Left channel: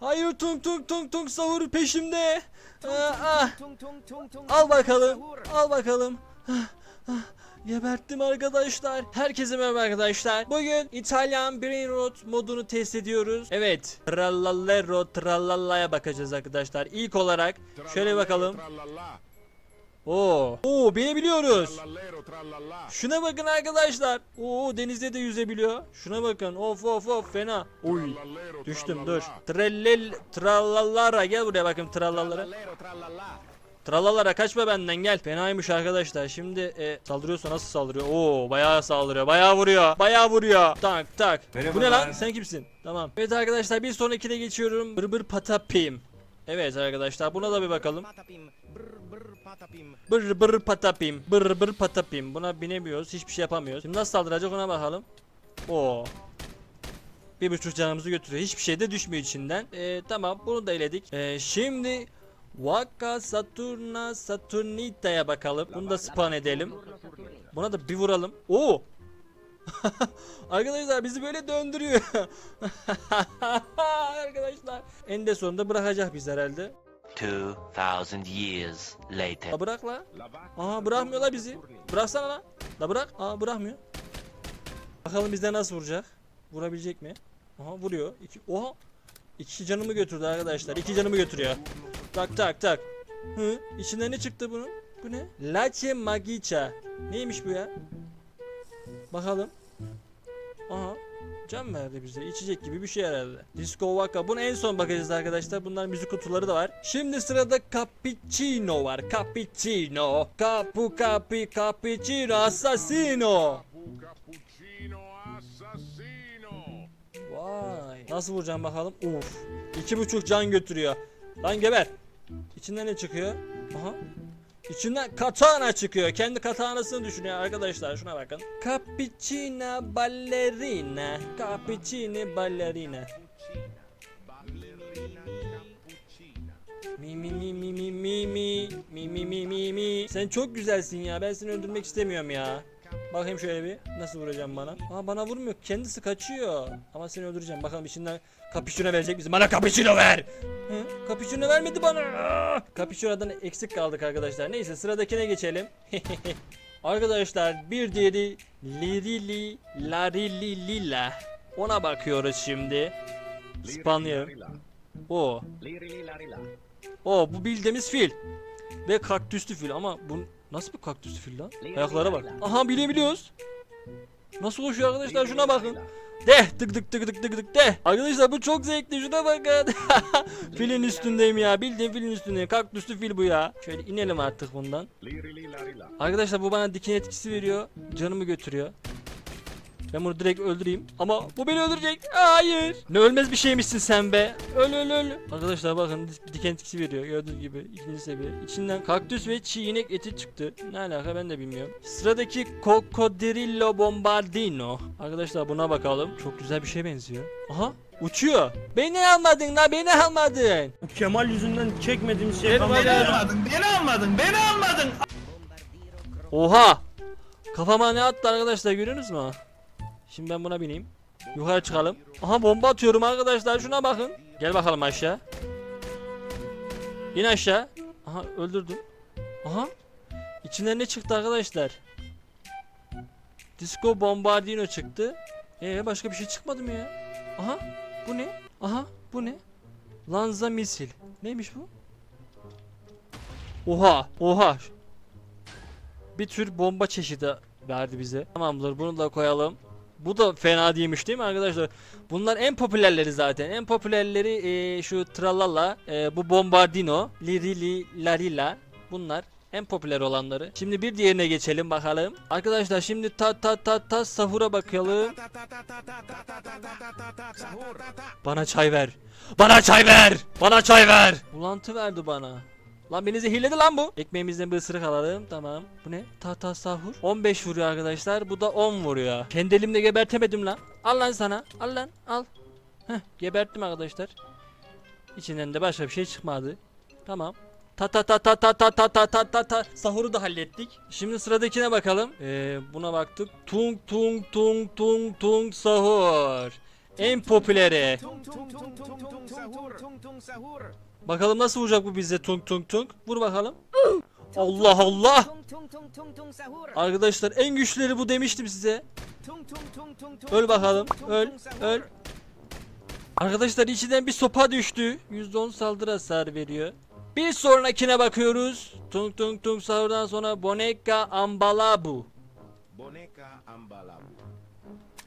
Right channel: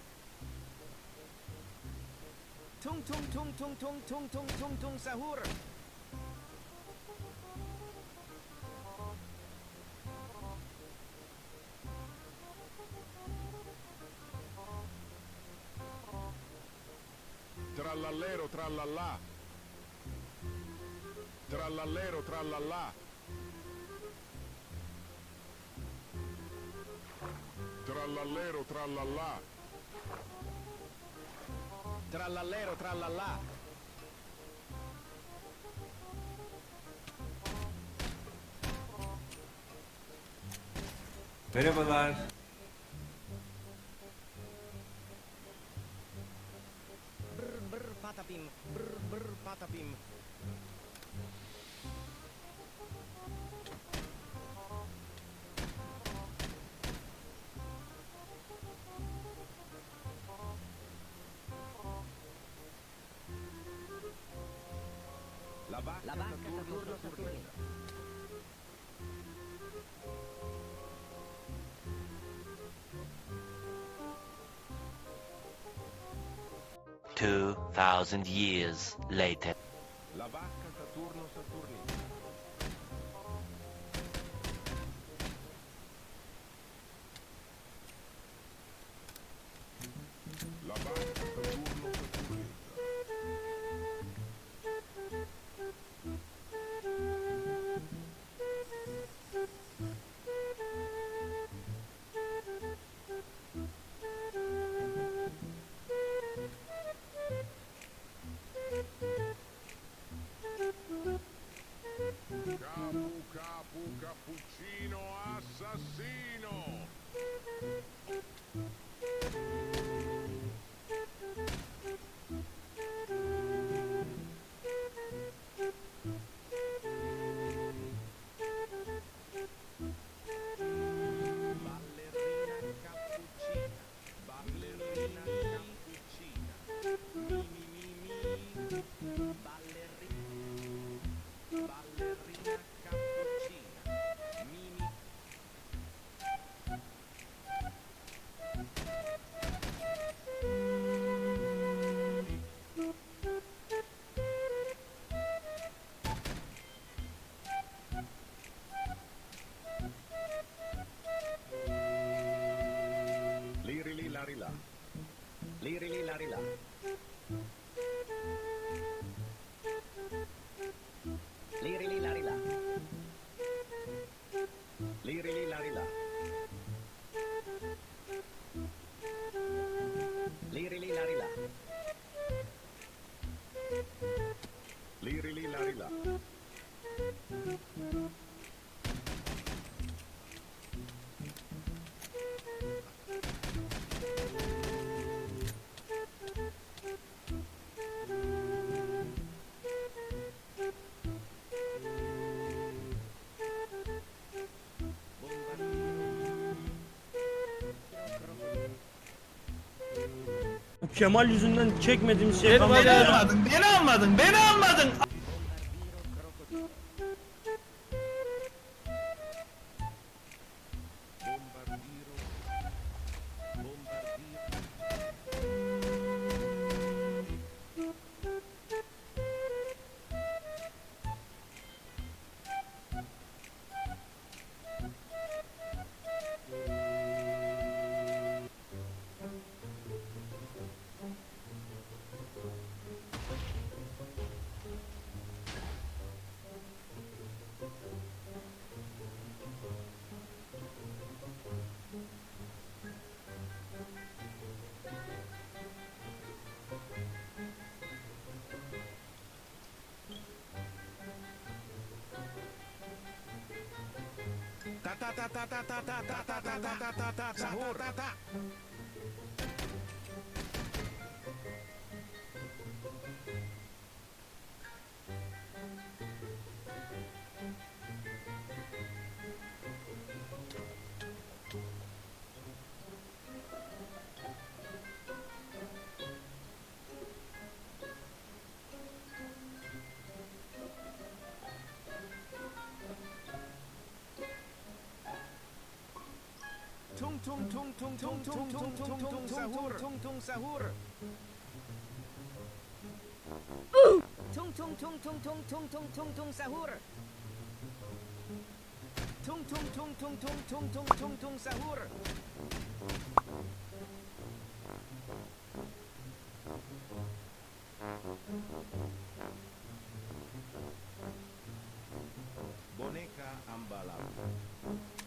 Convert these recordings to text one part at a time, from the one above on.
Hayır tung tung tung tung sahur peşimde. Tung tung tung tung tung tung Al bakalım. Al bakalım. Geberttim arkadaşlar. Herkese merhaba arkadaşlar. Bugün İtalyan Brain Rot modunu test ediyoruz. Evet. Trallallero trallalla'ya bakacağız arkadaşlar. İlk olarak şöyle bakalım. Oo. Oo binebiliyoruz. Şuna bakın arkadaşlar. Oo denizde de yüzebiliyor. Şuna bakın. Of of of fena. Trallallero, Düştüm dur. Trellel trallallara gel buraya bakın trallallara. Trallallara kaçma benden gel. Fenaymış arkadaşlar. Şimdi e, saldırıyorsa nasıl saldırıyor? Oo bayağı saldırıyor. Bayağı vuruyor. Bayağı vuruyor. Tak tak. Bu ne lan? Sen kimsin? Tamam. Evet arkadaşlar bir sonrakine geçiyorum. Bır bır patapim. Evet arkadaşlar buna da bir bakalım. Patapim. Brr brr patapim. Bır bır patapim. Bır bır patapim. Buna binemiyoruz. Hiçbir şey yapamıyoruz. Şimdi nasıl saldıracak ona bakalım. Oo. Bir buçuk canımızı götürüyor. Hiçbir şey de düşmüyor içinden. Ee, tamam bunu da eledik. Ee, şimdi Vaka Saturna Saturnita'ya bakalım. Bunu da spawn edelim. Buna da bir vuralım. Oo. Arkadaşlar bizi böyle döndürüyor. Arkadaşlar. En de sonunda bırakacak biz herhalde. 2000 years later. La bırak la. Aha bırakmıyor la bizi. Bıraksana la. La bırak. Aa bırakmıyor. Bakalım bizden nasıl vuracak. Vurabilecek mi? Aha vuruyor. İki, oha. İki canımı götürdü arkadaşlar. İki canımı götürüyor. Tak tak tak. Hı? İçinden ne çıktı bunun? Bu ne? Latte Magica. Neymiş bu ya? Bakalım. Can verdi bize. İçecek gibi bir şey herhalde. Disco Waka. Bunu en son bakacağız arkadaşlar. Bunlar müzik kutuları da var. Şimdi sırada Cappuccino var. Cappuccino. Capu capi cappuccino assassino. Capu cappuccino assassino. Vay. Nasıl vuracağım bakalım. Uf. İki buçuk can götürüyor. Lan geber. İçinden ne çıkıyor? Aha. İçinden katana çıkıyor. Kendi katanasını düşünüyor arkadaşlar. Şuna bakın. Cappuccina ballerina. Cappuccini ballerina. Mi mi mi mi mi mi mi mi mi mi mi Sen çok güzelsin ya ben seni öldürmek istemiyorum ya Bakayım şöyle bir nasıl vuracağım bana? Aa bana vurmuyor kendisi kaçıyor. Ama seni öldüreceğim bakalım içinden Kapüşüne verecek misin? Bana kapüşüne ver! Hı? Kapüşüne vermedi bana! Kapüşünadan eksik kaldık arkadaşlar. Neyse sıradakine geçelim. Arkadaşlar bir diğeri Lirili Larili Lila Ona bakıyoruz şimdi. İspanya. O. O bu bildiğimiz fil. Ve kaktüslü fil ama bu nasıl bir kaktüslü fil lan? Ayaklara bak. Aha bilebiliyoruz. Nasıl koşuyor arkadaşlar şuna bakın. De tık tık tık tık tık tık de. Arkadaşlar bu çok zevkli şuna bakın. filin üstündeyim ya bildiğin filin üstündeyim. Kaktüslü fil bu ya. Şöyle inelim artık bundan. Arkadaşlar bu bana diken etkisi veriyor. Canımı götürüyor. Ben bunu direkt öldüreyim. Ama bu beni öldürecek. Hayır. Ne ölmez bir şeymişsin sen be. Öl öl öl. Arkadaşlar bakın dik- diken etkisi veriyor. Gördüğünüz gibi. ikinci seviye. İçinden kaktüs ve çiğ inek eti çıktı. Ne alaka ben de bilmiyorum. Sıradaki Cocodrillo Bombardino. Arkadaşlar buna bakalım. Çok güzel bir şeye benziyor. Aha uçuyor. Beni almadın la beni almadın. Kemal yüzünden çekmediğimiz şey Beni kalmadı. almadın, beni almadın, beni almadın. Oha! Kafama ne attı arkadaşlar görüyorsunuz mu? Şimdi ben buna bineyim. Yukarı çıkalım. Aha bomba atıyorum arkadaşlar şuna bakın. Gel bakalım aşağı. İn aşağı. Aha öldürdüm. Aha. İçinden ne çıktı arkadaşlar? Disco Bombardino çıktı. Ee başka bir şey çıkmadı mı ya? Aha bu ne? Aha bu ne? Lanza misil. Neymiş bu? Oha oha. Bir tür bomba çeşidi verdi bize. Tamamdır bunu da koyalım. Bu da fena değilmiş değil mi arkadaşlar? Bunlar en popülerleri zaten. En popülerleri eee, şu Tralala, eee, bu Bombardino, Lirili, Larila. Bunlar en popüler olanları. Şimdi bir diğerine geçelim bakalım. Arkadaşlar şimdi ta ta ta ta sahura bakalım. Bana çay ver. Bana çay ver. Bana çay ver. Bulantı verdi bana. Lan beni zehirledi lan bu. Ekmeğimizden bir ısırık alalım. Tamam. Bu ne? Tahta sahur. 15 vuruyor arkadaşlar. Bu da 10 vuruyor. Kendi elimle gebertemedim lan. Al lan sana. Al lan. Al. Heh, geberttim arkadaşlar. İçinden de başka bir şey çıkmadı. Tamam. Ta ta ta ta ta ta ta ta ta ta ta sahuru da hallettik. Şimdi sıradakine bakalım. Ee, buna baktık. Tung tung tung tung tung sahur. En popüleri. Tung tung tung tung tung sahur. Tung tung sahur. Bakalım nasıl vuracak bu bize tung tung tung. Vur bakalım. Allah Allah. Arkadaşlar en güçlüleri bu demiştim size. Öl bakalım. Öl. Öl. Arkadaşlar içinden bir sopa düştü. %10 saldırı hasar veriyor. Bir sonrakine bakıyoruz. Tung tung tung sahurdan sonra Boneka Ambalabu. Boneka ambalabu.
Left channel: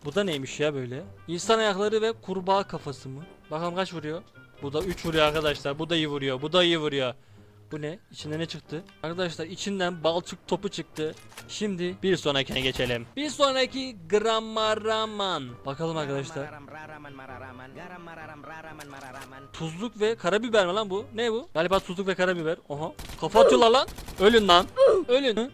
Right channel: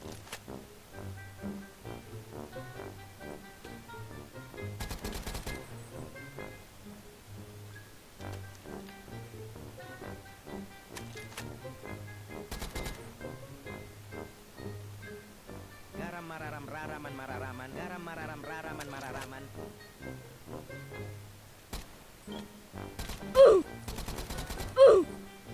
Bu da neymiş ya böyle? İnsan ayakları ve kurbağa kafası mı? Bakalım kaç vuruyor? Bu da 3 vuruyor arkadaşlar. Bu da iyi vuruyor. Bu da iyi vuruyor. Bu ne? İçinden ne çıktı? Arkadaşlar içinden balçık topu çıktı. Şimdi bir sonrakine geçelim. Bir sonraki Grammaraman. Bakalım arkadaşlar. Tuzluk ve karabiber mi lan bu? Ne bu? Galiba tuzluk ve karabiber. Oha. Kafa atıyorlar lan. Ölün lan. Ölün.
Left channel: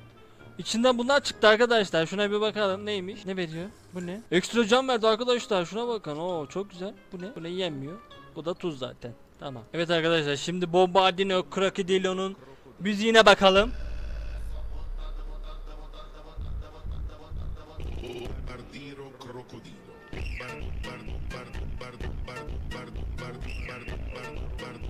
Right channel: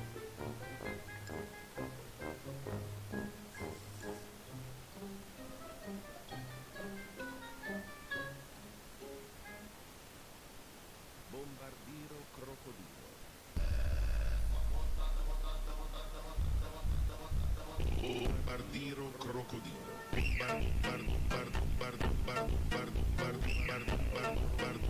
İçinden bunlar çıktı arkadaşlar. Şuna bir bakalım. Neymiş? Ne veriyor? Bu ne? Ekstra can verdi arkadaşlar. Şuna bakın. Oo çok güzel. Bu ne? Bu ne yenmiyor. Bu da tuz zaten. Tamam. Evet arkadaşlar şimdi Bombardino Crocodilo'nun müziğine bakalım. Bombardiro crocodilo. Bar- bar-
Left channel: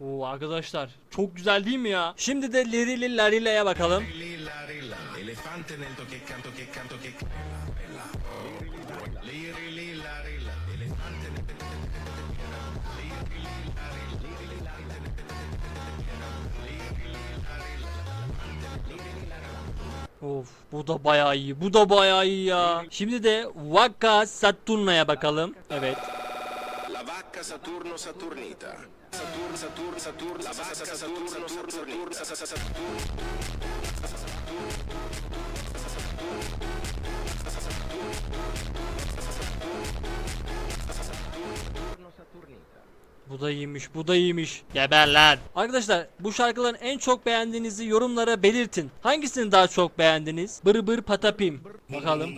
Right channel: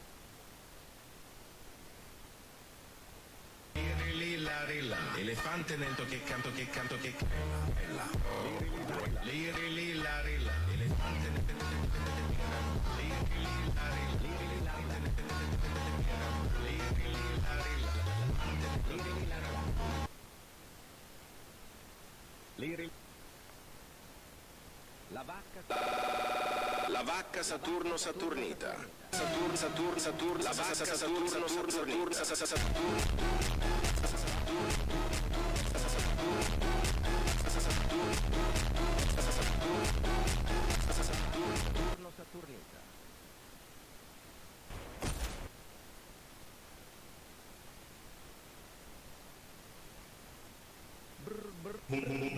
Oo arkadaşlar çok güzel değil mi ya? Şimdi de Lirili Larila'ya bakalım. Lilla rilla, elefante nel che canto che canto che bella. Liri lilla rilla, elefante nel Of bu da bayağı iyi. Bu da bayağı iyi ya. Şimdi de Waka Saturna'ya bakalım. Evet. La vacca Saturno Saturnita. Saturn Saturn Saturn la vacca Saturno Saturn Saturn Saturn Saturno Saturnita. Bu da iyiymiş, bu da iyiymiş. Geber lan. Arkadaşlar bu şarkıların en çok beğendiğinizi yorumlara belirtin. Hangisini daha çok beğendiniz? Bır bır patapim. Bakalım.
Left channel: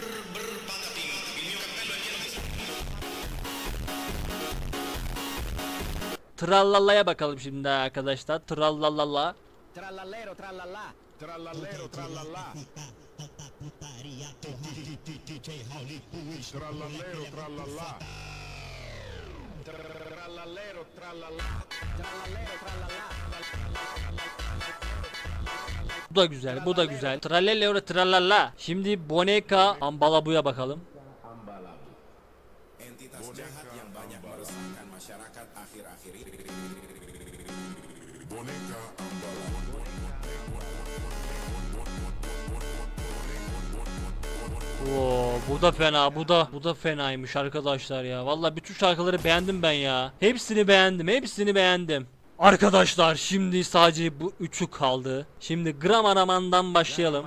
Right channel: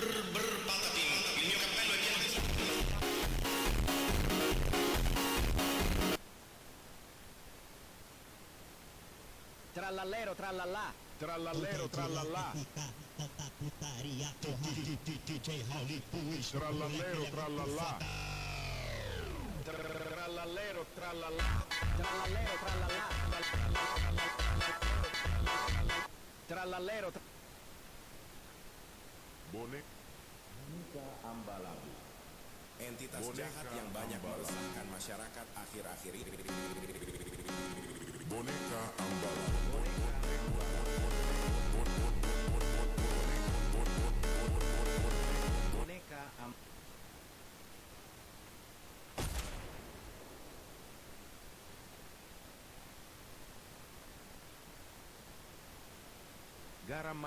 Brr, brr, patapim. Il mio cappello è pieno di... Trallalla'ya bakalım şimdi arkadaşlar. Trallallalla. Trallallero trallalla. Trallallero trallalla. Trallallero trallalla. Trallallero trallalla. Trallallero trallalla. Bu da güzel, bu da güzel. Trallelero trallala. Şimdi Boneka Ambalabu'ya bakalım. Entitas jahat yang banyak meresahkan masyarakat akhir-akhir ini. Boneka ambala. Oo, bu da fena, bu da bu da fenaymış arkadaşlar ya. Vallahi bütün şarkıları beğendim ben ya. Hepsini beğendim, hepsini beğendim. Arkadaşlar şimdi sadece bu üçü kaldı. Şimdi gram aramandan başlayalım.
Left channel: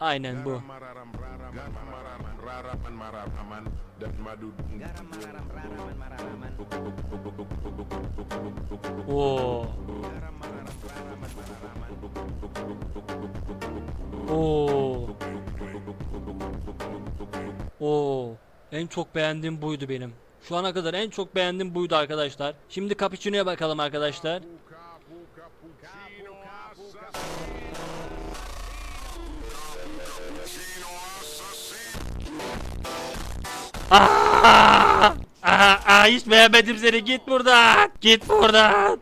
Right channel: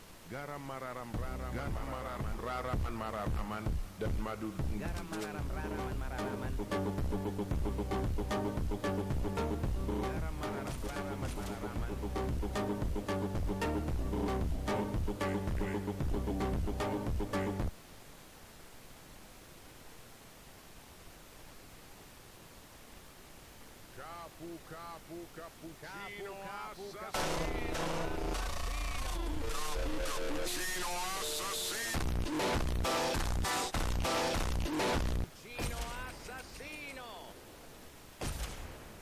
Aynen bu. Oo. Oo. Oo. En çok beğendiğim buydu benim. Şu ana kadar en çok beğendiğim buydu arkadaşlar. Şimdi cappuccino'ya bakalım arkadaşlar. Aa! Aa, aa, hiç beğenmedim seni. Git buradan. Git buradan.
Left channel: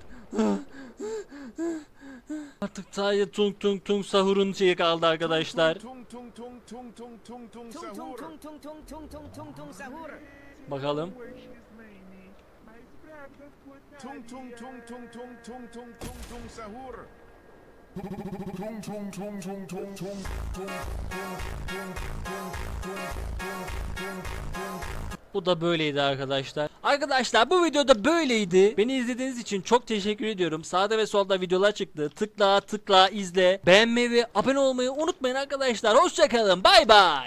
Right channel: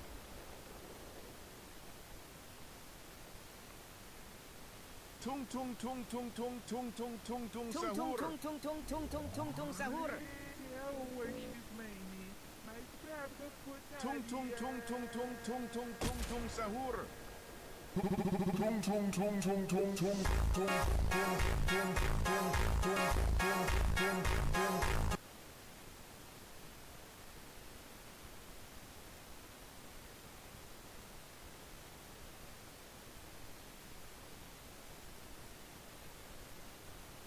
Artık sadece tung tung tung sahurun şeyi kaldı arkadaşlar. Tung tung tung tung tung tung tung Tung tung sahur. tung tung tung tung tung tung tung sahur. Bakalım. Tung tung tung tung tung tung tung tung tung sahur. Tung tung tung tung tung tung tung tung tung tung tung tung tung Bu da böyleydi arkadaşlar. Arkadaşlar bu videoda böyleydi. Beni izlediğiniz için çok teşekkür ediyorum. Sağda ve solda videolar çıktı. Tıkla tıkla izle. Beğenmeyi ve abone olmayı unutmayın arkadaşlar. Hoşçakalın. Bay bay.